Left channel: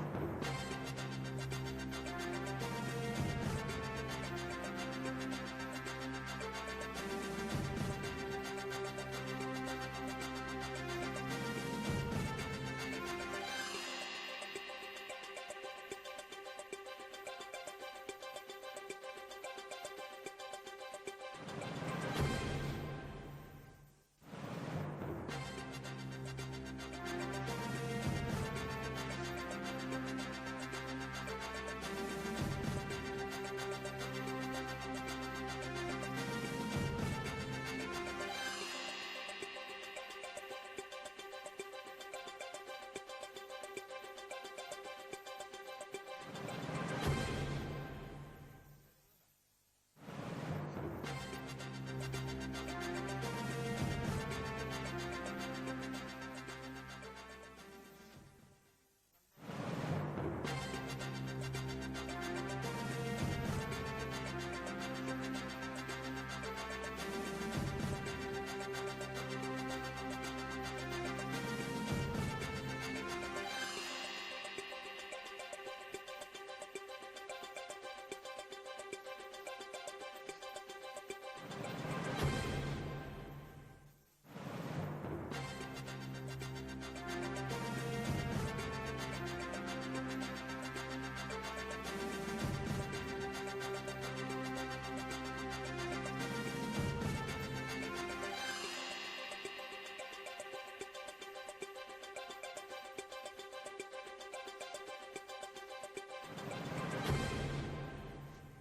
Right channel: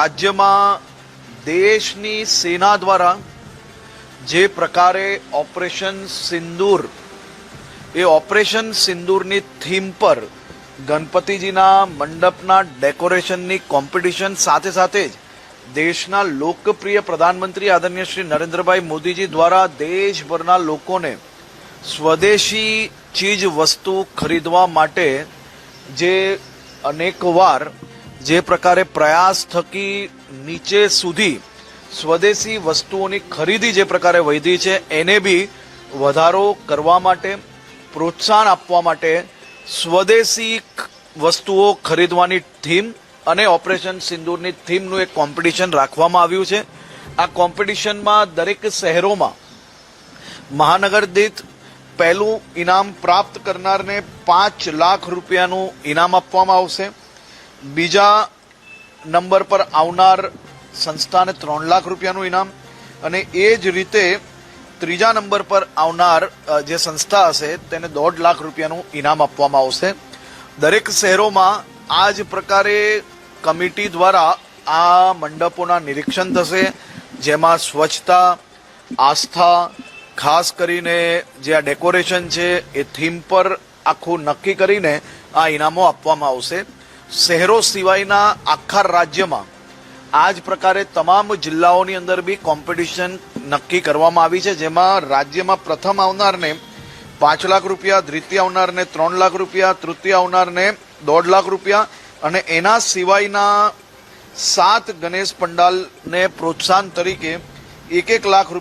રાજ્યમાં દેશની સેના દ્વારા જે પ્રકારે ઓપરેશન સિંદૂર એ ઓપરેશન સિંદૂરની થીમ પર ગણપતિજીના મંડપના ડેકોરેશનની કોમ્પિટિશન સાથે સાથે જ દેશના લોકપ્રિય પ્રધાનમંત્રી આદરણીય શ્રી નરેન્દ્રભાઈ મોદીજી દ્વારા દેશભરના લોકોને સ્વદેશી ચીજ વસ્તુ ખરીદવા માટે જે અનેકવાર જે પ્રકારે પ્રયાસ થકી નીચે સુધી સ્વદેશી વસ્તુઓની ખરીદી જે પ્રકારે વધી છે એને બી વધારો કરવા માટે પ્રોત્સાહન આપવા માટે સ્વદેશી વસ્તુઓ ખરીદવાની થીમ અને ઓપરેશન સિંદૂરની થીમનું એક કોમ્પિટિશન રાખવામાં આવ્યું છે। આ કોમ્પિટિશનમાં દરેક શહેરોમાં મહાનગર દીઠ પહેલું ઇનામ પ્રાપ્ત કરનારને 5 લાખ રૂપિયાનું ઇનામ આપવામાં આવશે। બીજા નંબર પર આવનાર સંસ્થાને 3 લાખ રૂપિયાનું ઇનામ અને એ જ રીતે ત્રીજા નંબર પર આવનાર જે સંસ્થા હશે તેને 1.5 લાખ રૂપિયાનું ઇનામ આપવામાં આવશે। દરેક શહેરોમાં આ જ પ્રકારે કમિટી દ્વારા આ મંડપોના નિરીક્ષણ થશે, જેમાં સ્વચ્છતા, આસ્થા, ખાસ કરીને જે આ ડેકોરેશન છે એ થીમ પર આખું નક્કી કરીને આ ઇનામો આપવામાં આવશે। શહેરો સિવાયના આખા રાજ્યમાં આ જ પ્રકારે તમામ જિલ્લાઓની અંદર બી કોમ્પિટિશન નક્કી કરવામાં આવી છે, જેમાં રાજ્યમાં પ્રથમ આવનારને 5 લાખ રૂપિયા, દ્વિતીય આવનારને 3 લાખ રૂપિયા, તૃતીય આવનારને 1.5 લાખ રૂપિયા અને એના સિવાયના 7 ગણેશ પંડાલને પ્રોત્સાહન તરીકે 1 લાખ રૂપિયા